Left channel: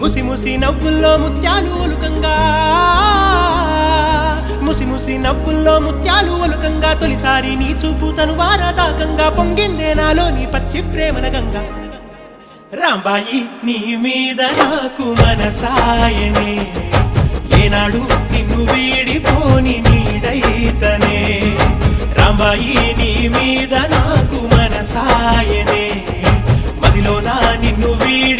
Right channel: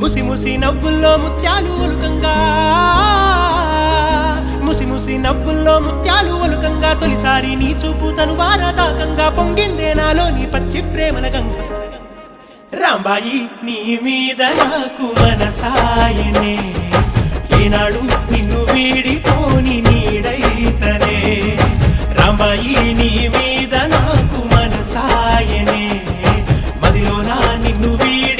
ముసి ముసి నవ్వుల్లో ముత్యాలు ఒలుకంగా ముసి ముసి నవ్వుల్లో ముత్యాలు ఒలుకంగా తొలిసారి నీ చూపు తను వారదాకంగా పొంగిందే నాలోని పచ్చి ప్రేమల గంగా రాంబాయి నీ మీద నాకు మనసాయనే ఏనాడు నిన్ను వీడిపోని నీడైతనే రాంబాయి నీ మీద నాకు మనసాయనే మదిలో నా నిన్ను వీడి